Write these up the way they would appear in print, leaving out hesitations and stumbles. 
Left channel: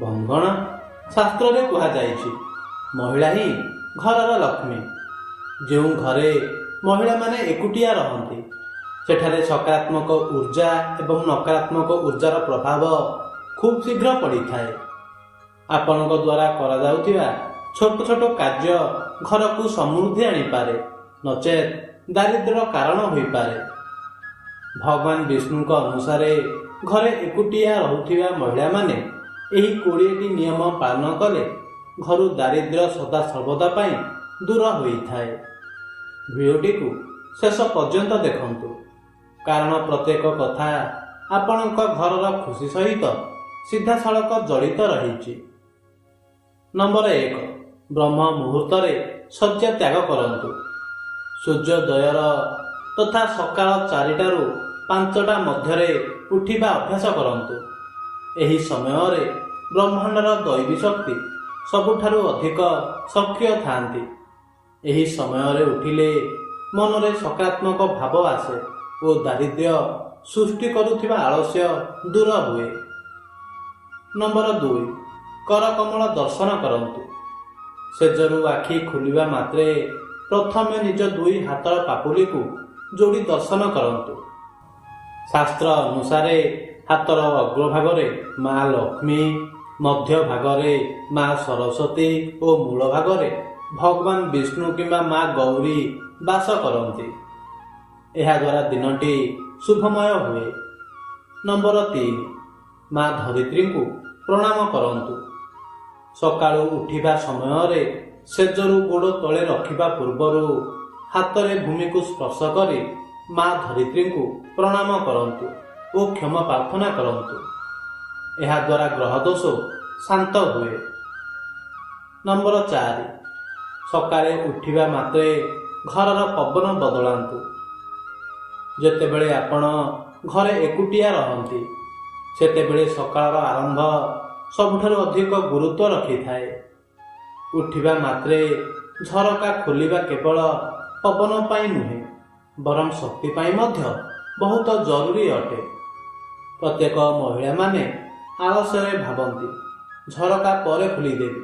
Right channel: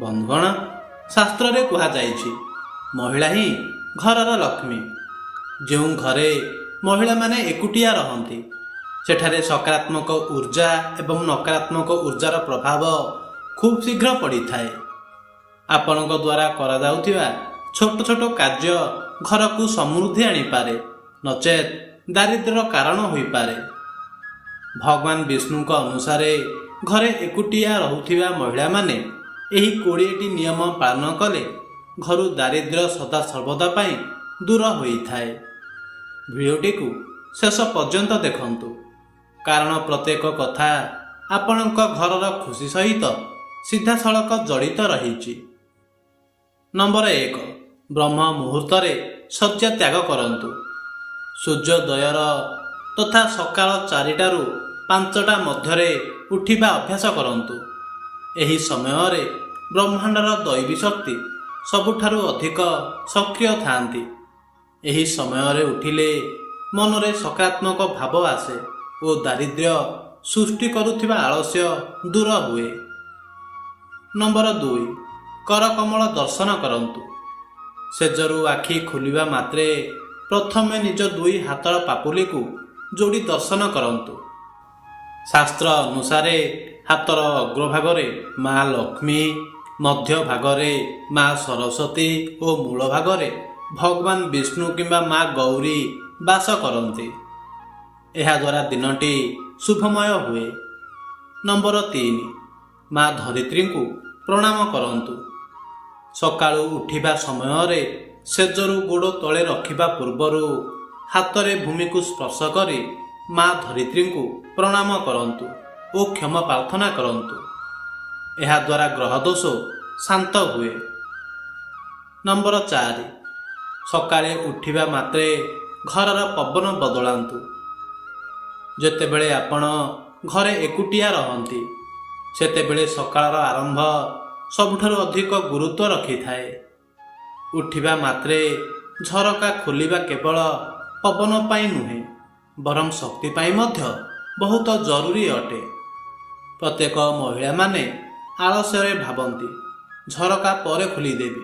ବନ୍ଧୁଗଣ, ଶାସ୍ତ୍ରରେ କୁହାଯାଇଛି ମହିଳା ହିଁ ଘରର ଲକ୍ଷ୍ମୀ। ଯେଉଁ ଘରେ ମହିଳାମାନେ ଏକୁଟିଆ ରହନ୍ତି ସେଠାରେ ସକାରାତ୍ମକ ଉର୍ଜା ଏବଂ ନକାରାତ୍ମକ ଉର୍ଜାର ପ୍ରଭାବ ଖୁବ୍ ଶୀଘ୍ର ପଡ଼ିଥାଏ। ଆପଣଙ୍କ ଦ୍ୱାରା କରାଯାଉଥିବା ଛୋଟ ଛୋଟ କାର୍ଯ୍ୟ ଘରକୁ ସମୃଦ୍ଧି ଆଣିପାରେ, ନଚେତ୍ ଦାରିଦ୍ର୍ୟର କାରଣ ହୋଇପାରେ। ଭଗବାନ ବିଷ୍ଣୁଙ୍କ ଅନୁସାରେ ଘରେ ଏକୁଟିଆ ରହୁଥିବା ମହିଳାମାନେ ଏହି 20ଟି ନିୟମ ପାଳନ କଲେ ଘରୁ ଦାରିଦ୍ର୍ୟ ସଦାସର୍ବଦା ପାଇଁ ଦୂର ହୋଇଥାଏ। ଭିଡ଼ିଓଟିକୁ ଶେଷ ପର୍ଯ୍ୟନ୍ତ ଦେଖନ୍ତୁ, କାରଣ ପ୍ରତ୍ୟେକ କଥା ଆପଣଙ୍କ ଘରର ଖୁସି ସହିତ ସିଧାସଳଖ ଜଡ଼ିତ ରହିଛି। ନମ୍ବର 1, ବ୍ରହ୍ମ ମୁହୂର୍ତ୍ତରେ ଶଯ୍ୟା ତ୍ୟାଗ କରନ୍ତୁ। ସୂର୍ଯ୍ୟୋଦୟର ତଥା ସକାଳ 4ଟାରୁ 5ଟା ମଧ୍ୟରେ ଉଠିବା ଅଭ୍ୟାସ କରନ୍ତୁ। ଏହି ସମୟରେ ବ୍ରହ୍ମାଣ୍ଡର ଦୈବୀ ଶକ୍ତି ସବୁଠାରୁ ଅଧିକ ସକ୍ରିୟ ଥାନ୍ତି। ଏହି ସମୟରେ ଉଠିଲେ ମନରେ ସକାରାତ୍ମକ ଭାବ ଆସେ ଓ ଦାରିଦ୍ର୍ୟ ସୃଷ୍ଟି କରୁଥିବା ଆଳସ୍ୟ ଦୂର ହୁଏ। ନମ୍ବର 2, କରକମଳ ଦର୍ଶନ କରନ୍ତୁ। ସେଜରୁ ଆଖି ଖୋଲିବା ମାତ୍ରେ ପ୍ରଥମେ ନିଜ 2 ହାତର ପାପୁଲିକୁ ଯୋଡ଼ି ଦର୍ଶନ କରନ୍ତୁ। ଶାସ୍ତ୍ର ଅନୁସାରେ ହାତର ଅଗ୍ରଭାଗରେ ମା ଲକ୍ଷ୍ମୀ, ମଧ୍ୟ ଭାଗରେ ମା ସରସ୍ୱତୀ ଓ ମୂଳ ଭାଗରେ ଭଗବାନ ବିଷ୍ଣୁ କିମ୍ବା ମା ଗୌରୀ ବାସ କରନ୍ତି। ଏହାଦ୍ୱାରା ଦିନଟି ଶୁଭମୟ ହୁଏ। ନମ୍ବର 3, ମା ଧରିତ୍ରୀଙ୍କୁ ପ୍ରଣାମ କରନ୍ତୁ। ସକାଳୁ ଉଠିବା ସମୟରେ ସେଜରୁ ଗୋଡ଼ ତଳେ ରଖିବା ପୂର୍ବରୁ ହାତରେ ଭୂମିକୁ ସ୍ପର୍ଶ କରି ମା ଧରିତ୍ରୀଙ୍କୁ ପ୍ରଣାମ କରନ୍ତୁ ଓ କ୍ଷମା ପ୍ରାର୍ଥନା କରନ୍ତୁ। ଏହାଦ୍ୱାରା ଗ୍ରହଦୋଷ ଶାନ୍ତ ହୁଏ। ନମ୍ବର 4, ସକାଳେ ଉଠିବା ମାତ୍ରେ ଘରର ପବନ ବଦଳାନ୍ତୁ। ଯେତେବେଳେ ଆପଣ ଘରେ ଏକୁଟିଆ ରହନ୍ତି ସେତେବେଳେ ସକାଳର ଆରମ୍ଭ ସବୁଠାରୁ ଅଧିକ ଗୁରୁତ୍ୱ ରଖିଥାଏ। ଉଠିବା ମାତ୍ରେ ଝରକା ଖୋଲିବା କେବଳ ପବନ ପାଇଁ ନୁହେଁ, ବରଂ ଶକ୍ତି ପାଇଁ ମଧ୍ୟ ବହୁତ ଜରୁରୀ ଅଟେ। ପ୍ରତ୍ୟେକ ମହିଳାମାନେ ଆଳସ୍ୟରେ ଭାବନ୍ତି ଝରକା ପରେ ଖୋଲିଦେବି,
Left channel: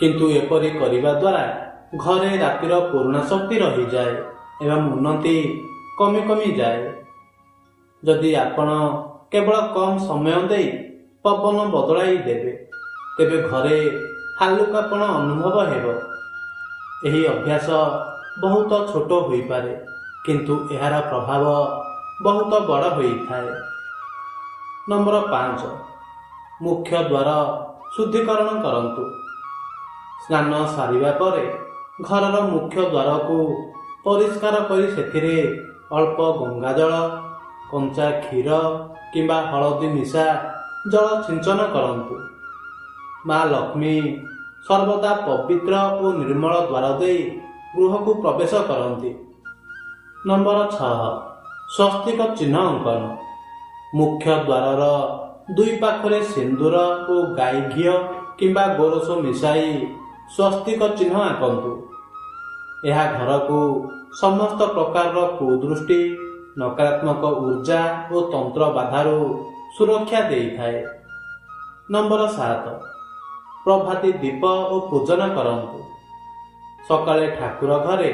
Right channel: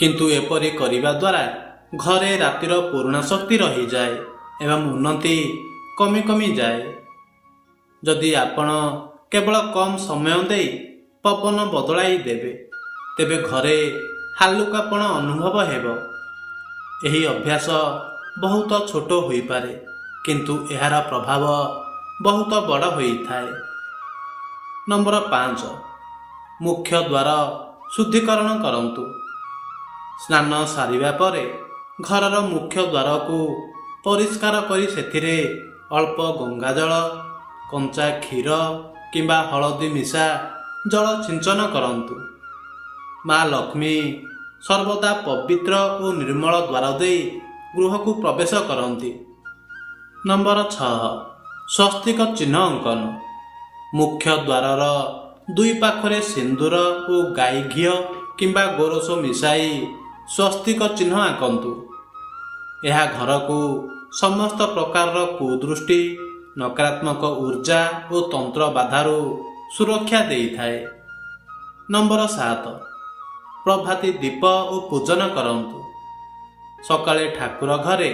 କିନ୍ତୁ ଏପରି କରିବା ଦ୍ୱାରା ଘରେ ରାତିର ପୁରୁଣା ଶକ୍ତି ରହିଯାଏ ଏବଂ ଉନ୍ନତି କମି କମିଯାଏ। ଯଦି ଆପଣ କେବଳ କମ୍ ସମୟ ଦେଇ ପବନ ବଦଳାଇ ଦେବେ ତେବେ ଘରେ ହାଲୁକାପଣ ଅନୁଭବ ହେବ। ଏହି ଅଭ୍ୟାସ ବହୁତ ଛୋଟ ହୋଇପାରେ, କିନ୍ତୁ ଏହାର ପ୍ରଭାବ ବହୁତ ବଡ଼ ହୋଇଥାଏ। ନମ୍ବର 5, ମୁଖ୍ୟ ଦ୍ୱାର ଶୁଦ୍ଧିକରଣ କରନ୍ତୁ। ସ୍ନାନ ସାରିବା ପରେ ଘରର ମୁଖ୍ୟ ଦ୍ୱାରକୁ ପରିଷ୍କାର କରି ସେଥିରେ ଅଳ୍ପ ଗଙ୍ଗାଜଳ, କଞ୍ଚା କ୍ଷୀର କିମ୍ବା ହଳଦୀ ମିଶା ଜଳ ସିଞ୍ଚନ କରନ୍ତୁ। ମା ଲକ୍ଷ୍ମୀ ସର୍ବଦା ପବିତ୍ର ଓ ନିର୍ମଳ ଦ୍ୱାର ଦେଇ ଗୃହକୁ ପ୍ରବେଶ କରନ୍ତି। ନମ୍ବର 6, ସ୍ୱସ୍ତିକ ଚିହ୍ନ ଅଙ୍କନ। ମୁଖ୍ୟ ଦ୍ୱାରର 2 ପାଖରେ ସିନ୍ଦୁର ଓ ଗାଈ ଘିଅ କିମ୍ବା ଗୋରସ ମିଶାଇ ସ୍ୱସ୍ତିକ ଚିହ୍ନ ଆଙ୍କନ୍ତୁ। ଏହା ଘରକୁ ସମସ୍ତ ପ୍ରକାରର କୁଦୃଷ୍ଟି, ନକାରାତ୍ମକ ଉର୍ଜା ଓ ତନ୍ତ୍ର ବାଧାରୁ ସୁରକ୍ଷା ଦେଇଥାଏ। ନମ୍ବର 7, ପ୍ରଭାତୀ ଦୀପ ଓ ପୂଜନ କରନ୍ତୁ। ସକାଳେ ଠାକୁର ଘରେ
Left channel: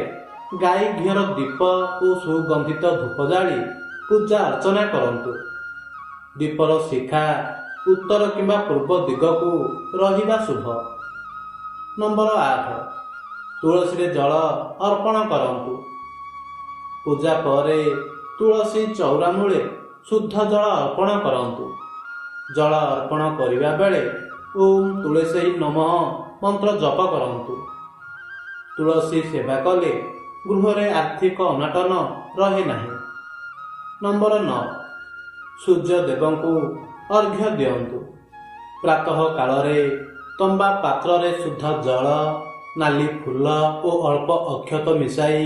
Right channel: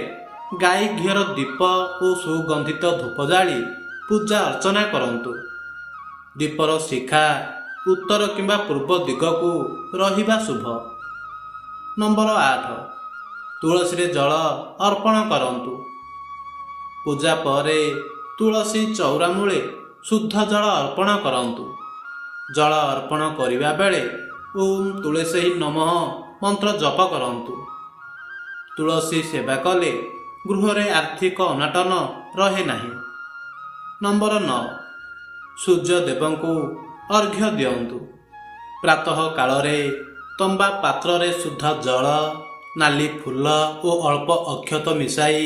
ଗାଈ ଘିଅର ଦୀପ ଓ ସୁଗନ୍ଧିତ ଧୂପ ଜାଳି ପୂଜା ଅର୍ଚ୍ଚନା କରନ୍ତୁ। ଦୀପର ଶିଖା ଉତ୍ତର କିମ୍ବା ପୂର୍ବ ଦିଗକୁ ରହିବା ଶୁଭ। ନମ୍ବର 8, ତୁଳସୀରେ ଜଳ ଅର୍ପଣ କରନ୍ତୁ। ପୂଜା ପରେ ତୁଳସୀ ଚଉରା ମୂଳେ ଶୁଦ୍ଧ ଜଳ ଅର୍ପଣ କରନ୍ତୁ। ଜଳ ଅର୍ପଣ କରିବା ବେଳେ ଓମ୍ ତୁଳସୀ ନମଃ ମନ୍ତ୍ର ଜପ କରନ୍ତୁ। ତୁଳସୀ ସେବା କଲେ ଗୃହରେ ଆର୍ଥିକ ଅନାଟନ ରହେ ନାହିଁ। ନମ୍ବର 9, ସୂର୍ଯ୍ୟ ଦେବଙ୍କୁ ଅର୍ଘ୍ୟ ଦିଅନ୍ତୁ। ପ୍ରାତଃ କାଳରେ ତମ୍ବା ପାତ୍ରରେ ଶୁଦ୍ଧ ଜଳ, ନାଲି ଫୁଲ ଓ ଅଳ୍ପ ଅକ୍ଷତ ମିଶାଇ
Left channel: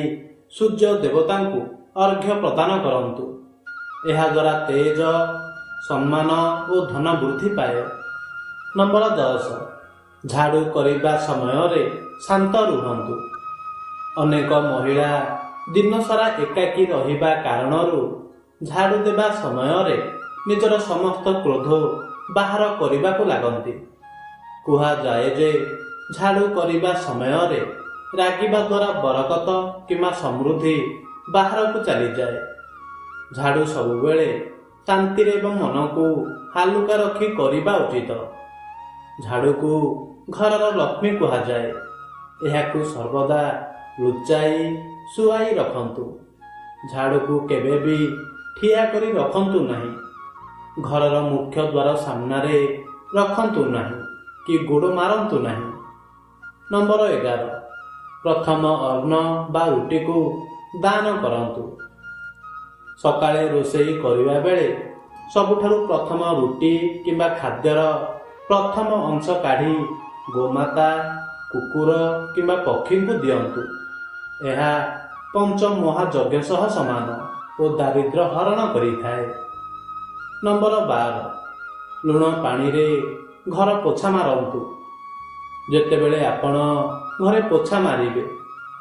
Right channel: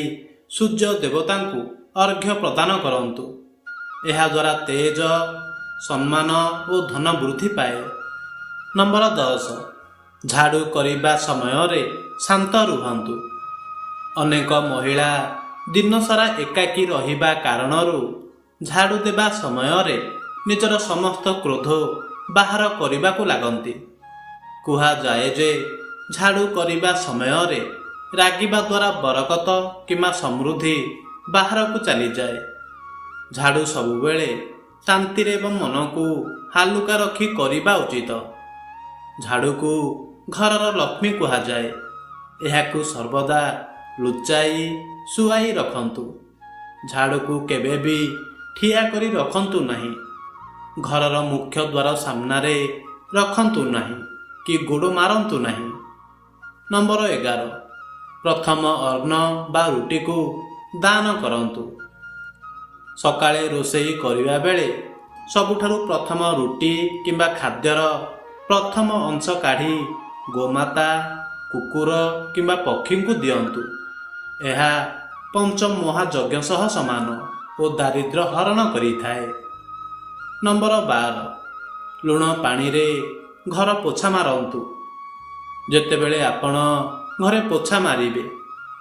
ସୂର୍ଯ୍ୟ ଦେବତାଙ୍କୁ ଅର୍ଘ୍ୟ ପ୍ରଦାନ କରନ୍ତୁ। ଏହାଦ୍ୱାରା ତେଜ, ସମ୍ମାନ ଓ ଧନ ବୃଦ୍ଧି ପାଏ। ନମ୍ବର 10, ଝାଡ଼ୁ କରିବା ସମୟରେ ଶାନ୍ତ ରୁହନ୍ତୁ। ଅନେକ ମହିଳା ଦିନସାରା ଏକାକୀ ରହିବା କାରଣରୁ ଝାଡ଼ୁ ଦେବା ସମୟରେ ନିଜର ସମସ୍ତ କ୍ରୋଧ ବାହାର କରିବାକୁ ଲାଗନ୍ତି, କୁହାଯାଏ ଯେ ଝାଡ଼ୁ କରିବା ସମୟରେ ରାଗିବା ଦ୍ୱାରା ବରକତ କିମ୍ବା ସମୃଦ୍ଧି ବାହାରକୁ ଚାଲିଯାଏ। ଝାଡ଼ୁ ସବୁବେଳେ ଶାନ୍ତିରେ ଏବଂ ମନକୁ ହାଲୁକା ରଖି କରିବା ଉଚିତ। ଝାଡ଼ୁକୁ ଘରର ଲକ୍ଷ୍ମୀ କୁହାଯାଏ। ଏହାକୁ ସର୍ବଦା ଲୁଚାଇ ଶୁଆଇ ରଖନ୍ତୁ। ଝାଡ଼ୁକୁ କେବେ ବି ଠିଆ କରି ରଖନ୍ତୁ ନାହିଁ। ଘରର ମୁଖ୍ୟ ଦ୍ୱାର ସାମ୍ନାରେ ରଖନ୍ତୁ ନାହିଁ କି ଗୋଡ଼ ମାରନ୍ତୁ ନାହିଁ। ନମ୍ବର 11, ପ୍ରଥମ ଅନ୍ନ ବା ରୁଟିକୁ ଦାନ କରନ୍ତୁ। ସକାଳେ ରୋଷେଇ କରିବା ବେଳେ ସବୁଠାରୁ ପ୍ରଥମ ରୁଟି କିମ୍ବା ଖାଦ୍ୟର ପ୍ରଥମ ଅଂଶ କାଢ଼ି ଗୋମାତା, କୁକୁର କିମ୍ବା ପକ୍ଷୀଙ୍କୁ ଦିଅନ୍ତୁ। ଏହା ପଞ୍ଚମହାଯଜ୍ଞ ସହ ସମାନ ଓ ଦାରିଦ୍ର୍ୟ ହରଣ କରିଥାଏ। ନମ୍ବର 12, ଲୁଣ ପାଣିରେ ଘର ପୋଛା ମାରନ୍ତୁ। ଯେତେବେଳେ ଆପଣ ଘରେ ପୋଛା ମାରିବେ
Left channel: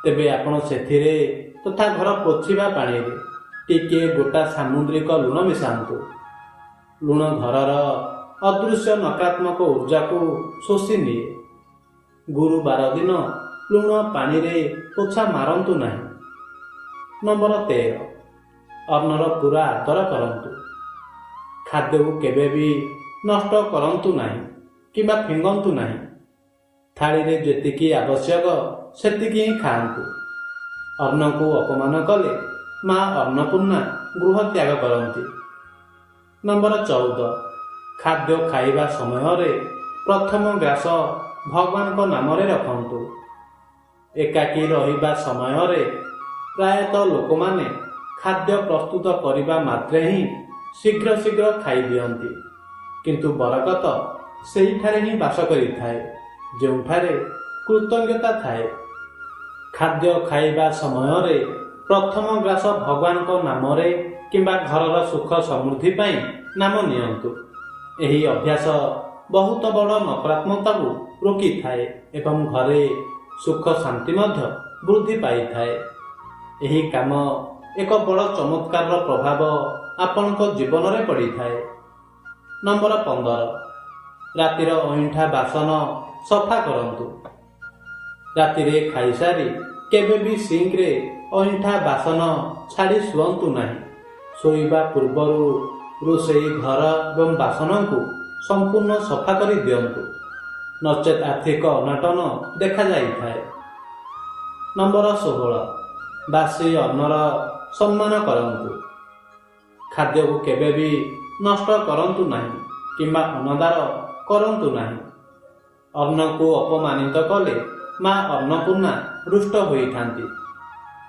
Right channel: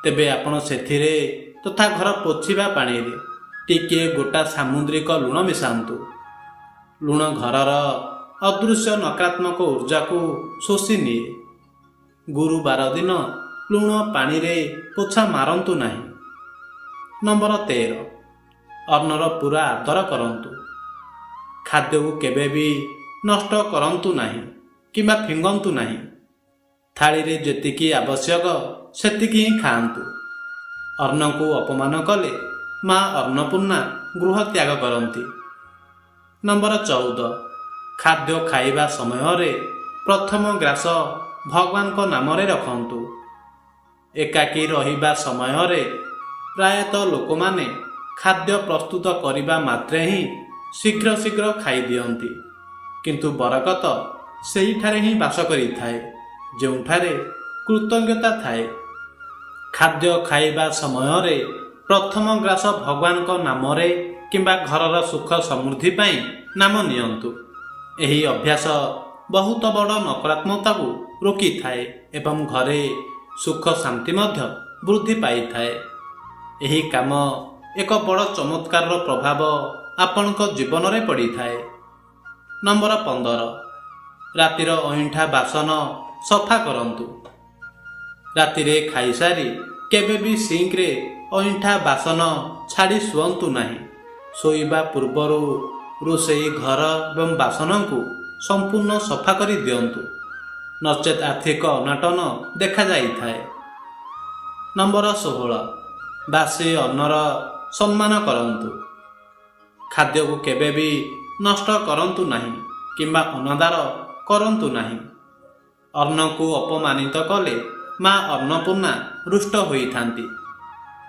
ତେବେ ଆପଣ ସେଥିରେ ତଥା ଘର ପୋଛିବା ପାଣିରେ ଟିକିଏ ଗୋଟା ସାମୁଦ୍ରିକ ଲୁଣ ମିଶାନ୍ତୁ। ଲୁଣ ଘରର ଅଦୃଶ୍ୟ ନକାରାତ୍ମକ ଉର୍ଜାକୁ ଶୋଷି ନିଏ। ଗୁରୁବାର ଦିନ ଲୁଣ ପାଣିରେ ପୋଛା ମାରନ୍ତୁ ନାହିଁ। ନମ୍ବର 13, ଅନ୍ନର ପୁରା ଆଦର କରନ୍ତୁ। ଖାଦ୍ୟକୁ କେବେ ବି ନଷ୍ଟ କରନ୍ତୁ ନାହିଁ କିମ୍ବା ଫିଙ୍ଗନ୍ତୁ ନାହିଁ। ଥାଳିରେ ଯେତିକି ଆବଶ୍ୟକ ସେତିକି ହିଁ ଖାଆନ୍ତୁ। ଅନ୍ନକୁ ଅପମାନ କଲେ ମା ଅନ୍ନପୂର୍ଣ୍ଣା ଗୃହ ତ୍ୟାଗ କରନ୍ତି। ନମ୍ବର 14, ଖାଦ୍ୟ ଖାଇବା ସମୟରେ ପ୍ରଥମ ଗ୍ରାସ ଭଗବାନଙ୍କ ନାମରେ ରଖନ୍ତୁ। ଏକାକୀ ରହିବା ସମୟରେ ପ୍ରାୟତଃ ଲୋକମାନେ ଖାଦ୍ୟ ପ୍ରସ୍ତୁତ କରିବା ମାତ୍ରେ ହିଁ ଶୀଘ୍ର ଶୀଘ୍ର ଖାଇଦିଅନ୍ତି। କିନ୍ତୁ ବରକତ ସେହିଠାରେ ହିଁ ବାସ କରିଥାଏ ଯେଉଁଠାରେ କୃତଜ୍ଞତା ଥାଏ। ଖାଦ୍ୟ ଖାଇବା ସମୟରେ ପ୍ରଥମ ଗ୍ରାସ ଭଗବାନଙ୍କ ନାମରେ କିମ୍ବା ଘରର ସୁଖ ସମୃଦ୍ଧି ପାଇଁ ନାମ ନିଅନ୍ତୁ। ଏହି ଅଭ୍ୟାସ ବହୁତ ବଡ଼ ନକାରାତ୍ମକତାକୁ ରୋକିଥାଏ ଏବଂ ଘରେ ସୁଖ ଶାନ୍ତି ମଧ୍ୟ ବୃଦ୍ଧି ପାଇଥାଏ। ଏହି କାମ ଏକ ବଡ଼ ଚମତ୍କାରର ପ୍ରଭାବ ଆପଣଙ୍କ ଜୀବନରେ ପଡ଼ିଥାଏ। ନମ୍ବର 15, ରାତିର ଅଇଁଠା ବାସନ ସଫା କରନ୍ତୁ। ରାତିରେ ଖାଇସାରି କେବେ ବି ସିଙ୍କରେ ଅଇଁଠା ବାସନ ଛାଡ଼ି ଶୁଅନ୍ତୁ ନାହିଁ। ଶୋଇବା ପୂର୍ବରୁ ରୋଷେଇ ଘର ଏବଂ ବାସନକୁ ସମ୍ପୂର୍ଣ୍ଣ ସଫା କରି ଦିଅନ୍ତୁ, ନଚେତ୍ ଆର୍ଥିକ ଅନାଟନ ଦେଖାଯାଇଥାଏ। ନମ୍ବର 16, ବାସି ଅନ୍ନର ସମ୍ମାନ କରନ୍ତୁ। ଖାଦ୍ୟକୁ କେବେ ବି ନଷ୍ଟ କରନ୍ତୁ ନାହିଁ କିମ୍ବା ଅନାଦର କରନ୍ତୁ ନାହିଁ। ଅନ୍ନକୁ ଅପମାନିତ କଲେ ମା ଅନ୍ନପୂର୍ଣ୍ଣା ରୁଷ୍ଟ ହୋଇଥାନ୍ତି,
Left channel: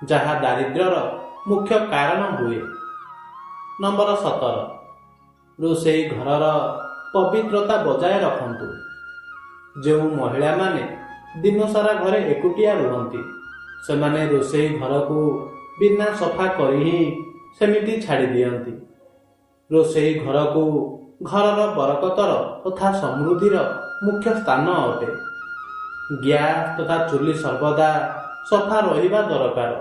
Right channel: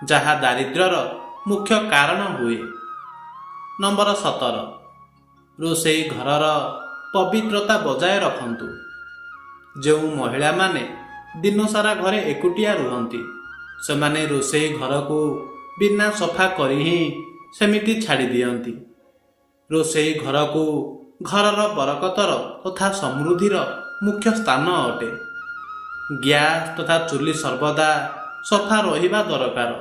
ଯାହା ଦାରିଦ୍ର୍ୟର ମୁଖ୍ୟ କାରଣ ହୁଏ। ନମ୍ବର 17, ରୋଷେଇ ଘରର ପବିତ୍ରତା ବଜାୟ ରଖନ୍ତୁ। ଯେଉଁ ମହିଳାମାନେ ଦିନସାରା ଘରେ ଏକୁଟିଆ ରୁହନ୍ତି ସେମାନେ ରୋଷେଇ ଘରକୁ ବିନା ସଫା କରି ହିଁ ସେମିତି ଛାଡ଼ି ଦିଅନ୍ତି। ରୋଷେଇ ଘରକୁ ଘରର ବରକତର ତଥା ସମୃଦ୍ଧିର ମୁଖ୍ୟ ସ୍ଥାନ ଅଟେ। ଗ୍ୟାସ୍ ତଥା ଚୁଲି ସର୍ବଦା ସଫା ରହିବା ଦରକାର।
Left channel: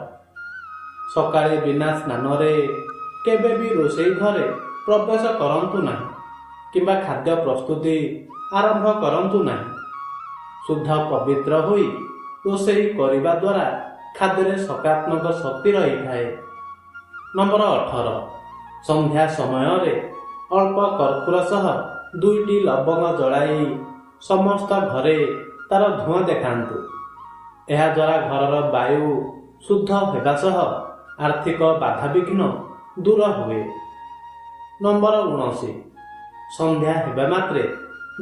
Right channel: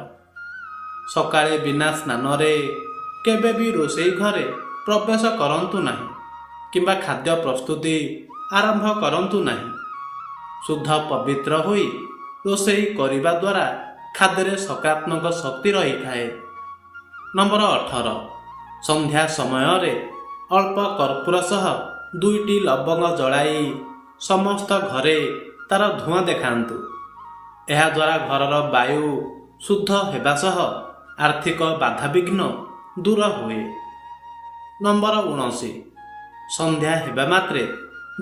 ସକାଳେ ବିନା ସ୍ନାନରେ କେବେ ବି ରୋଷେଇ ଘରେ ପ୍ରବେଶ କରନ୍ତୁ ନାହିଁ କିମ୍ବା ଖାଦ୍ୟ ପ୍ରସ୍ତୁତି ଆରମ୍ଭ କରନ୍ତୁ ନାହିଁ। ଶୁଦ୍ଧ ପବିତ୍ର ହୋଇ ରୋଷେଇ କରିବା ଦ୍ୱାରା ଖାଦ୍ୟରେ ସକାରାତ୍ମକ ଶକ୍ତି ରହିଥାଏ। ନମ୍ବର 18, ସନ୍ଧ୍ୟା ସମୟରେ ଅଳ୍ପ କର୍ପୂର ସହ 2ଟି ଲବଙ୍ଗ ଜଳାଇ ସମସ୍ତ ଘରେ ତାର ଧୂଆଁ ଦେଖାନ୍ତୁ। ଏହାଦ୍ୱାରା ଘରର ବାୟୁ ଶୁଦ୍ଧ ହେବା ସହ ଆର୍ଥିକ ବାଧାବିଘ୍ନ ଦୂର ହୁଏ। ନମ୍ବର 19, ସନ୍ଧ୍ୟା ହେବା ମାତ୍ରେ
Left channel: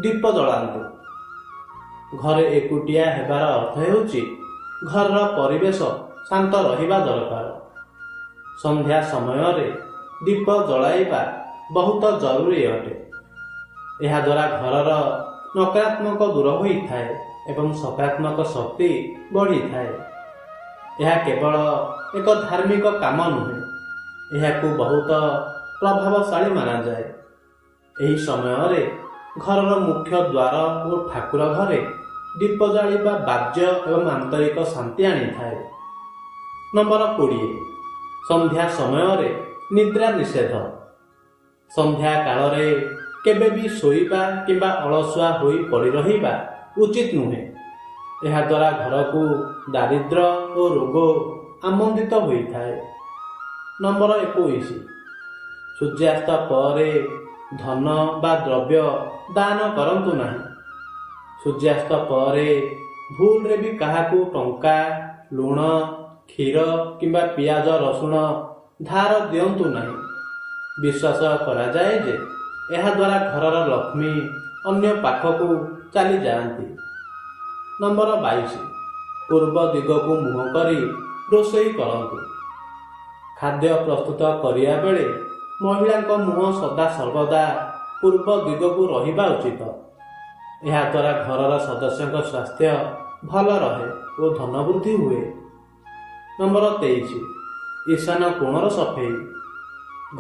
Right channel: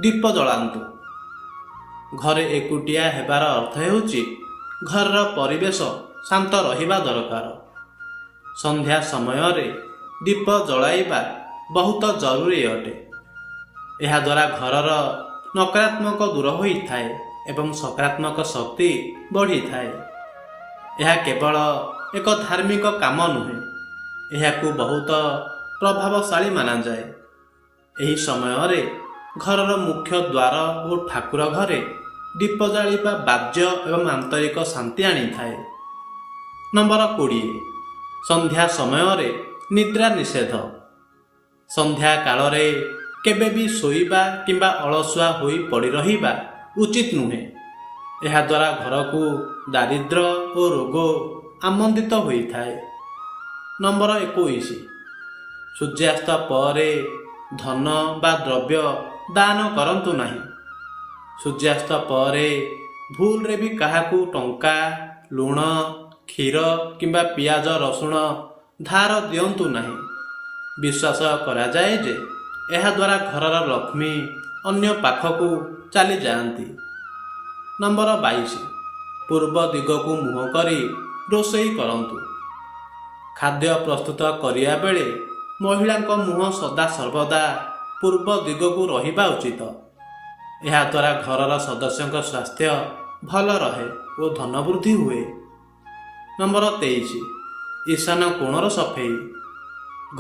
ଦୀପ ଜଳାନ୍ତୁ। ଘରେ ଏକୁଟିଆ ହେବାର ଅର୍ଥ ହେଉଛି ଘରର ପରିବେଶ ଶାନ୍ତ ରହିବା ଦରକାର। ସନ୍ଧ୍ୟା ସମୟରେ ଦୀପ ଜଳାଇବା ବହୁତ ଜରୁରୀ ଅଟେ। ଏହାଦ୍ୱାରା ଘରର ନକାରାତ୍ମକ ଦୂର ହୋଇଥାଏ ଏବଂ ସକାରାତ୍ମକ ଶକ୍ତି ବଢ଼ିଥାଏ। ଏହା କେବଳ ଏକ ଧାର୍ମିକ କାମ ନୁହେଁ, ଏହାକୁ ବହୁତ ପ୍ରଭାବଶାଳୀ ମାନାଯାଏ। ଏହି ସମୟରେ ଘରର ମୁଖ୍ୟ ଦ୍ୱାର ଓ ଠାକୁର ଘରେ ଦୀପ ଜାଳିବା ବାଜ୍ୟ ଏବଂ ଆନ୍ତରିକ ଶାନ୍ତି ଆଣିଥାଏ। ନମ୍ବର 20, ସନ୍ଧ୍ୟା ସମୟରେ ନିଦ୍ରା ନିଷେଧ। ସନ୍ଧ୍ୟା କାଳରେ କେବେ ବି ଶୋଇବା କିମ୍ବା ଅଳସୁଆ ହୋଇ ପଡ଼ି ରହିବା ଉଚିତ ନୁହେଁ। ଏହାଦ୍ୱାରା ଘରକୁ ଦାରିଦ୍ର୍ୟ ଓ ରୋଗ ଆମନ୍ତିତ ହୋଇଥାଏ। ନମ୍ବର 21, ସୂର୍ଯ୍ୟାସ୍ତ ପରେ ଧନ ବା ଦ୍ରବ୍ୟ ଦାନ କରନ୍ତୁ ନାହିଁ। ସୂର୍ଯ୍ୟାସ୍ତ ପରେ ଭୁଲରେ ବି କାହାକୁ ଟଙ୍କା, ଲୁଣ, କ୍ଷୀର କିମ୍ବା ପିଆଜ ରସୁଣ ଧାର ଦିଅନ୍ତୁ ନାହିଁ। ବିଶ୍ୱାସ କରାଯାଏ ଯେ ଏହାଦ୍ୱାରା ଘରର ଲକ୍ଷ୍ମୀ ଅନ୍ୟ ପାଖକୁ ଚାଲିଯାଆନ୍ତି। ନମ୍ବର 22, ପୂର୍ବ ଦିଗକୁ ମୁହଁ କରି ରୋଷେଇ କରନ୍ତୁ। ଖାଦ୍ୟ ପ୍ରସ୍ତୁତ କରିବା ବେଳେ ମହିଳାଙ୍କ ମୁହଁ ସଦାସର୍ବଦା ପୂର୍ବ ଦିଗକୁ ରହିବା ଉଚିତ। ଏହାଦ୍ୱାରା ଘରର ସଦସ୍ୟଙ୍କ ସ୍ୱାସ୍ଥ୍ୟ ଭଲ ରହେ ଓ ଧନ ବୃଦ୍ଧି ହୁଏ। ନମ୍ବର 23, ଈଶାନ କୋଣର ସଫେଇ।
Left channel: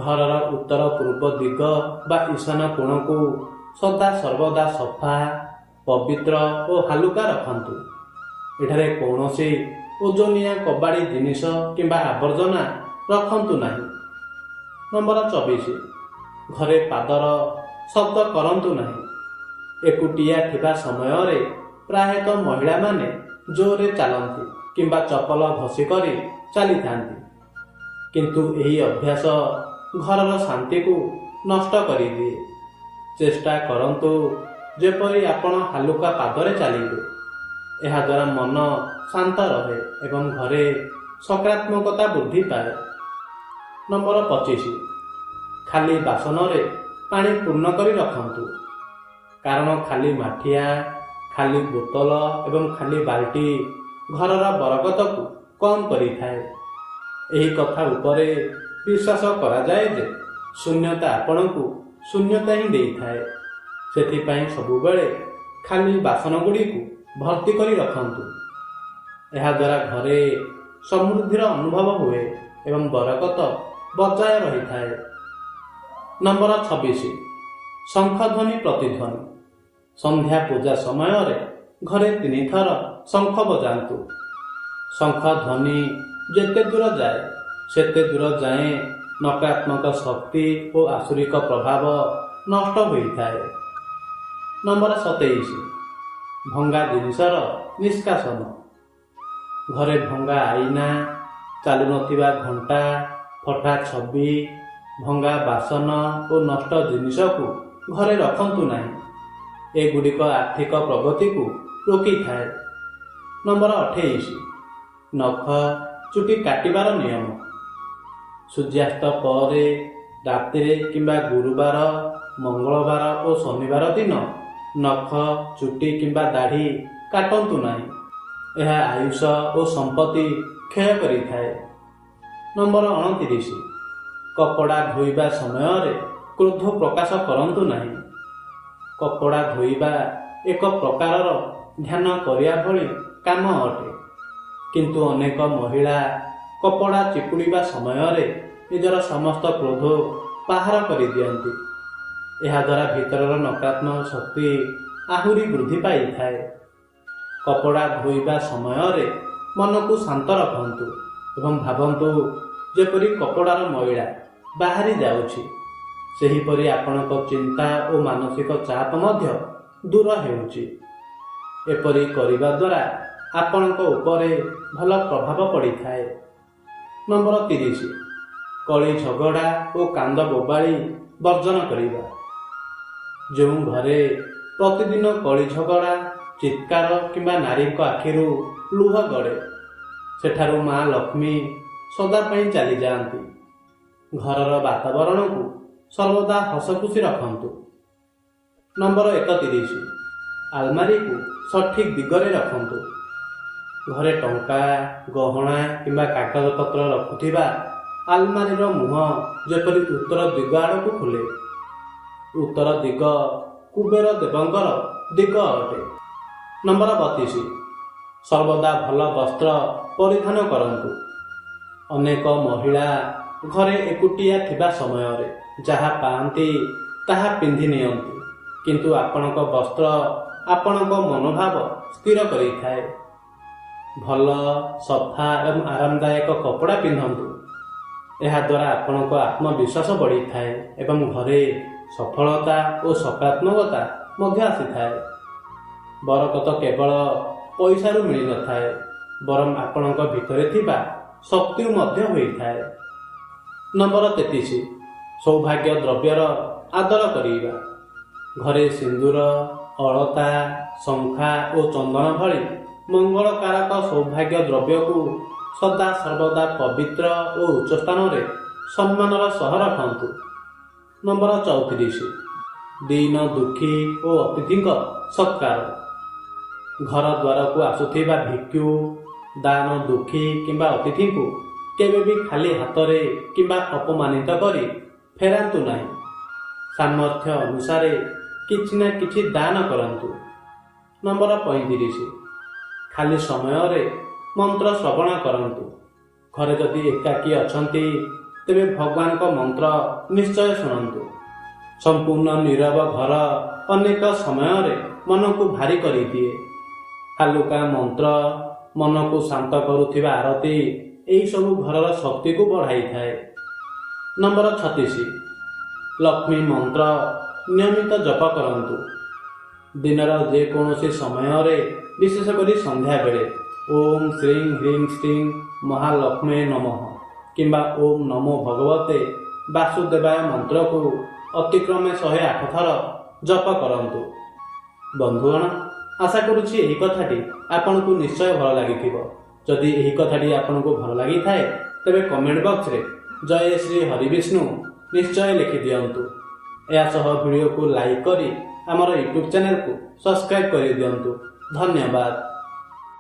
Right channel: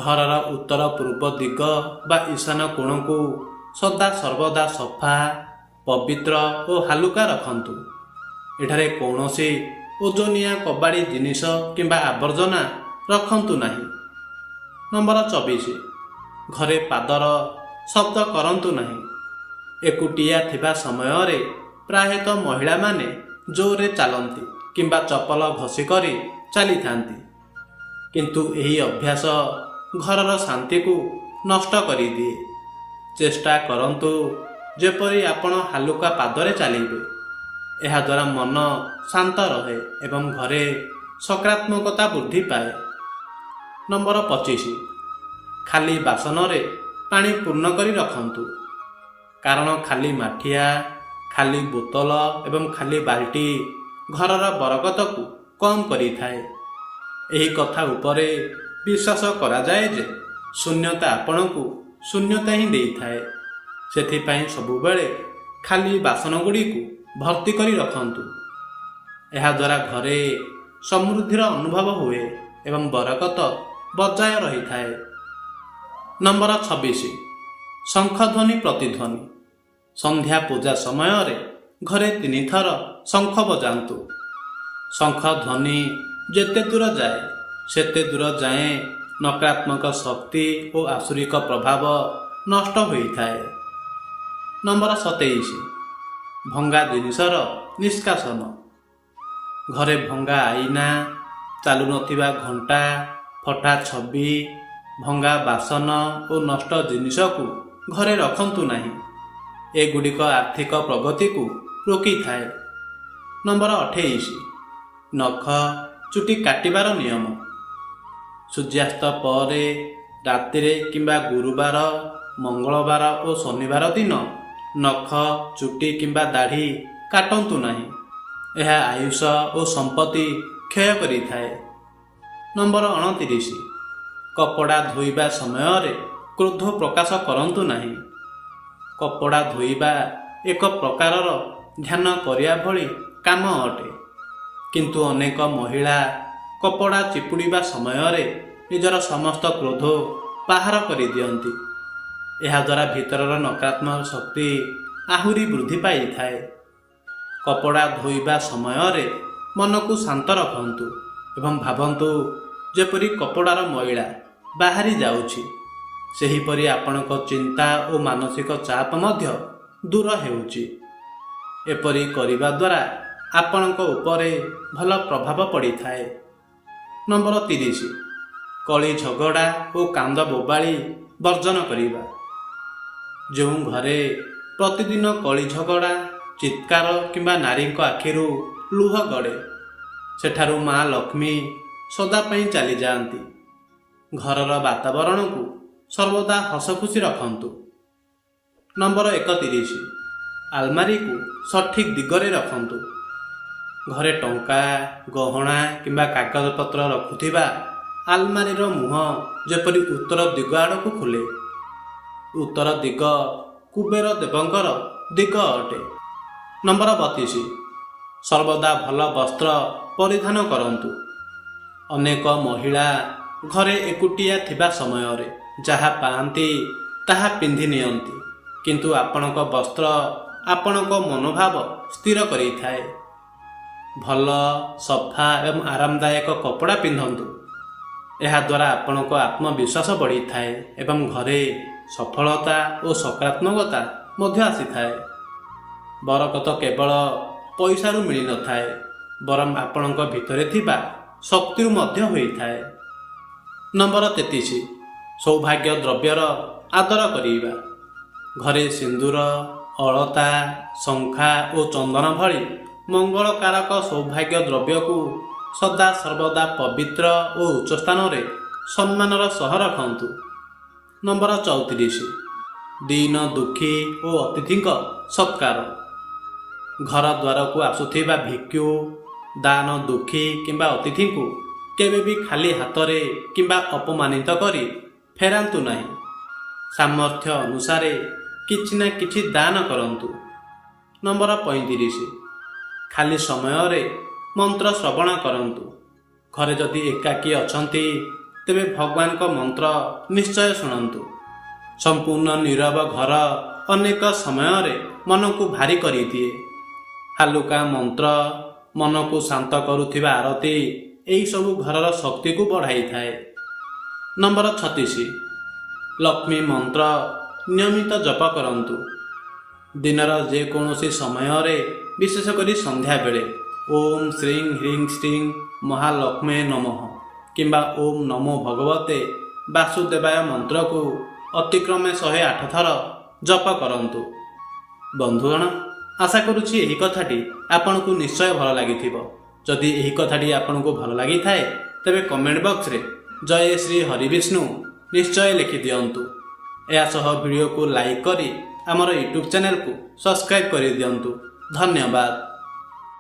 ଘରର ଉତ୍ତର ପୂର୍ବ ଦିଗ ବା ଈଶାନ କୋଣକୁ ସଦାସର୍ବଦା ସଫା, ପବିତ୍ର ଓ ହାଲୁକା ରଖନ୍ତୁ। ଏଠାରେ କୌଣସି ଓଜନିଆ କବାଡ଼ି ଜିନିଷ କିମ୍ବା ଆବର୍ଜନା ରଖନ୍ତୁ ନାହିଁ। ନମ୍ବର 24, ଘରେ ପାଦର ଶବ୍ଦ କରନ୍ତୁ ନାହିଁ। ଏକୁଟିଆ ଥିବା ସମୟରେ ପ୍ରାୟତଃ ମହିଳାମାନେ ଜୋରରେ ଚାଲନ୍ତି କିମ୍ବା ଚପଲ ଘଷି କରି ଚାଲିଥାନ୍ତି, କିନ୍ତୁ ଏହି ଅଭ୍ୟାସ ଘରର ଶାନ୍ତିକୁ ନଷ୍ଟ କରିଦିଏ। ଚେଷ୍ଟା କରନ୍ତୁ ଯେପରି ଆପଣ ହାଲୁକା ପାଦରେ ଚାଲିବେ। ଏହାଦ୍ୱାରା ମନ ଶାନ୍ତ ରହେ ଏବଂ ଘରେ ସକାରାତ୍ମକତା ବୃଦ୍ଧି ପାଏ। ନମ୍ବର 25, ଖାଲି ବାସନରେ ପାଣି ପୂର୍ଣ୍ଣ କରି ରଖନ୍ତୁ। କାରଣ ଖାଲି ମାଠିଆ, ଖାଲି ବୋତଲ ଏବଂ ଖାଲି ବାଲ୍ଟି ଘରର ବରକତକୁ କମ୍ କରିଥାଏ। ଏହି କଥା ଉପରେ ବିଶ୍ୱାସ କରାଯାଏ ଯେ ଶୂନ୍ୟତା ଆପଣଙ୍କୁ ଶୂନ୍ୟତା ହିଁ ଦେଇଥାଏ। ସେଥିପାଇଁ ସବୁବେଳେ ଖାଲି ବାସନ ଗୁଡ଼ିକୁ ଭର୍ତ୍ତି କରି ରଖନ୍ତୁ। ଏହାଦ୍ୱାରା ଘରେ ସମୃଦ୍ଧିର ଅନୁଭବ ହୁଏ ଏବଂ ବରକତ ବଜାୟ ରହିଥାଏ। ନମ୍ବର 26, ଶଙ୍ଖଧ୍ୱନି ପ୍ରତିଧ୍ୱନି। ସନ୍ଧ୍ୟା ପୂଜା ସମୟରେ ଘରେ 3 ଥର ଶଙ୍ଖ ବଜାନ୍ତୁ। ଶଙ୍ଖ ଧ୍ୱନି ଯେତେ ଦୂର ଯାଏ ସେତେ ଦୂର ଯାଏଁ ନକାରାତ୍ମକ ଶକ୍ତି ଓ ଆସୁରିକ ପ୍ରଭାବ ନଷ୍ଟ ହୋଇଥାଏ। ନମ୍ବର 27, ଭଙ୍ଗା ଜିନିଷର ନିଷ୍କାସନ। ଘରେ ଭଙ୍ଗା ଆଇନା, ଚାଲୁନଥିବା ଘଣ୍ଟା, ଫଟା ଛବି, ଭଙ୍ଗା ବାସନ ଓ ନଷ୍ଟ ଜିନିଷକୁ ଘରେ ରଖନ୍ତୁ ନାହିଁ। ଏଗୁଡ଼ିକ ଆର୍ଥିକ ପ୍ରଗତିକୁ ରୋକିଥାଏ। ନମ୍ବର 28, ନଖ ଚୁଟି କାଟିବାର ନିୟମ। ସୂର୍ଯ୍ୟାସ୍ତ ପରେ ରାତିରେ କିମ୍ବା ଗୁରୁବାର, ମଙ୍ଗଳବାର ଓ ଶନିବାର ଦିନ ନଖ, ଚୁଟି କିମ୍ବା ଦାଢ଼ି କାଟନ୍ତୁ ନାହିଁ। ଏହା ଆୟୁଷ ଓ ସମ୍ପତ୍ତି କ୍ଷୟ କରିଥାଏ। ନମ୍ବର 29, କପଡ଼ା ଧୋଇବା ସମୟରେ କ୍ରୋଧ ପ୍ରକାଶ କରନ୍ତୁ ନାହିଁ। କପଡ଼ା ଧୋଇବା ଏକ ପ୍ରକାରର ଧ୍ୟାନ କରିବା ଭଳି କାମ ଅଟେ, କିନ୍ତୁ ଅନେକ ମହିଳା କପଡ଼ା ଚିପୁଡ଼ିବା ସମୟରେ ନିଜର ସମସ୍ତ କ୍ରୋଧ ବାହାର କରିଦିଅନ୍ତି। ଏହାଦ୍ୱାରା ଭିତରର ନକାରାତ୍ମକ ଶକ୍ତି ଆହୁରି ବୃଦ୍ଧି ପାଇଥାଏ। କପଡ଼ା ଧୋଇବା ସମୟରେ ମନକୁ ଶାନ୍ତ ରଖନ୍ତୁ ଏବଂ ଭାବନ୍ତୁ ଯେପରି କପଡ଼ାର ମଇଳା ବାହାରି ଯାଉଛି। ସେହିପରି ଆପଣଙ୍କ ଚିନ୍ତା ଓ ମାନସିକ ଚାପ ମଧ୍ୟ ଦୂର ହେଉଛି। ଏପରି କରିବା ଦ୍ୱାରା ଆପଣଙ୍କ ଉପରେ ଭଲ ପ୍ରଭାବ ପଡ଼ିଥାଏ। ନମ୍ବର 30, କଳି ଝଗଡ଼ା ଓ କାନ୍ଦ ବୋବାଳି ବର୍ଜନ କରିବା। ଯେଉଁ ଘରେ ପ୍ରତିଦିନ କଳି ଝଗଡ଼ା, ଚିତ୍କାର କିମ୍ବା ନାରୀଙ୍କ ଆଖିରୁ ଲୁହ ଗଡ଼େ, ସେଠାରୁ ମା ଲକ୍ଷ୍ମୀ ସଦା ପାଇଁ ଚାଲିଯାଆନ୍ତି। ଘରର ବାତାବରଣକୁ ସର୍ବଦା ହସଖୁସି ରଖନ୍ତୁ। ନମ୍ବର 31, ଆଲମାରିକୁ ସଠିକ୍ ଦିଗରେ ରଖନ୍ତୁ। ଘରେ ଟଙ୍କା, ଗହଣା କିମ୍ବା କାଗଜପତ୍ର ରଖୁଥିବା ଆଲମାରିର ମୁହଁ ଯେପରି ଉତ୍ତର ଦିଗ ଆଡ଼କୁ ଖୋଲେ। ଉତ୍ତର ଦିଗ କୁବେର ଦେବଙ୍କର ଦିଗ ଅଟେ। ନମ୍ବର 32, ସର୍ବଦା ଭଲ ବସ୍ତ୍ର ପରିଧାନ କରନ୍ତୁ। ଅନେକ ମହିଳା ଘରେ ଏକୁଟିଆ ଥିବା ସମୟରେ ଯାହା ପାଆନ୍ତି ତାହା ପିନ୍ଧି ନିଅନ୍ତି, କିନ୍ତୁ ଆପଣଙ୍କ ବସ୍ତ୍ର ଆପଣଙ୍କ ମନୋଭାବ ସ୍ଥିର କରିଥାଏ। ଭଲ, ସଫା ଏବଂ ଆରାମଦାୟକ କପଡ଼ା ପିନ୍ଧନ୍ତୁ। ଏହାଦ୍ୱାରା ଆପଣଙ୍କ ଆତ୍ମବିଶ୍ୱାସ ବଢ଼ିଥାଏ ଏବଂ ଘରେ ସଫଳତା ଓ ସକାରାତ୍ମକତା ମଧ୍ୟ ଆସିଥାଏ। ବରକତ କେବଳ ପଇସାରୁ ମିଳିନଥାଏ, ବରଂ ଆପଣଙ୍କ ଭିତରେ ଥିବା ଶକ୍ତିରୁ ମଧ୍ୟ ହୋଇଥାଏ। ନମ୍ବର 33, ସୌଭାଗ୍ୟ ଦ୍ରବ୍ୟର ଆଦର କରିବା। ଘରେ ସିନ୍ଦୁର, ଅଳତା, ଶଙ୍ଖା ଓ ଚନ୍ଦନ ଭଳି ମଙ୍ଗଳକାରକ ସୌଭାଗ୍ୟ ଦ୍ରବ୍ୟକୁ ସଦା ସର୍ବଦା ପବିତ୍ର ଓ ଉଚ୍ଚ ସ୍ଥାନରେ ସମ୍ମାନର ସହ ରଖନ୍ତୁ। ନମ୍ବର 34, ଦୀନ ଦୁଃଖୀ ଓ ଅତିଥିଙ୍କ ସତ୍କାର। ଘର ଦ୍ୱାରକୁ ଆସୁଥିବା ଭିକ୍ଷୁ, ଦାନ ଦୁଃଖୀ କିମ୍ବା ଅତିଥିଙ୍କୁ କେବେ ବି ଖାଲି ହାତରେ କିମ୍ବା ଅପମାନିତ କରି ଫେରାନ୍ତୁ ନାହିଁ। ସାମର୍ଥ୍ୟ ଅନୁସାରେ କିଛି ନା କିଛି ଦାନ କରନ୍ତୁ। ନମ୍ବର 35, ଖାଲି ସମୟରେ ମନ୍ତ୍ର ଶ୍ରବଣ କରନ୍ତୁ। ଘରେ ଯଦି ଏକାକୀ ଅଛନ୍ତି ତେବେ ଭଗବାନଙ୍କ ମନ୍ତ୍ର ନିଶ୍ଚୟ ଶୁଣନ୍ତୁ। ସମ୍ପୂର୍ଣ୍ଣ ନୀରବ ଘର ଅନେକ ସମୟରେ ମନକୁ ଭାରି କରିଦିଏ। ହାଲୁକା ମନ୍ତ୍ର, ମନକୁ ଶାନ୍ତ କରୁଥିବା ଆରତି ଏହିସବୁ ଘରର ଶକ୍ତିକୁ ବଢ଼ାଇଥାଏ। ନମ୍ବର 36, ଲକ୍ଷ୍ମୀ ମନ୍ତ୍ର ନିୟମିତ ଜପ କରନ୍ତୁ। ଦିନର ଯେକୌଣସି ସମୟରେ, ବିଶେଷ କରି ସନ୍ଧ୍ୟାବେଳେ ଓମ୍ ଶ୍ରୀଂ ହ୍ରିଂ ଶ୍ରୀଂ ମହାଲକ୍ଷ୍ମୀ ନମଃ କିମ୍ବା ଓମ୍ ନମୋ ଭଗବତେ ବାସୁଦେବାୟ ମନ୍ତ୍ରକୁ ଅତିକ୍ରମେ 108 ଥର ଜପ କରନ୍ତୁ। ବନ୍ଧୁଗଣ, ଆଶା କରୁଛି ଏହି କଥାଟି ଆପଣଙ୍କୁ ନିଶ୍ଚୟ ଭଲ ଲାଗିଥିବ। ଯଦି ଏହି କଥାଟି ଆପଣଙ୍କୁ ଭଲ ଲାଗିଥାଏ ତେବେ କମେଣ୍ଟ ବକ୍ସରେ ଜୟ ଶ୍ରୀ ହରିବିଷ୍ଣୁ ନିଶ୍ଚୟ ଲେଖିଦିଅନ୍ତୁ। ଏହା ସହ ଭିଡ଼ିଓକୁ ଲାଇକ୍ କରି ଆମର ୟୁଟ୍ୟୁବ୍ ଚ୍ୟାନେଲକୁ ସବସ୍କ୍ରାଇବ୍ କରିଦିଅନ୍ତୁ। ଧନ୍ୟବାଦ।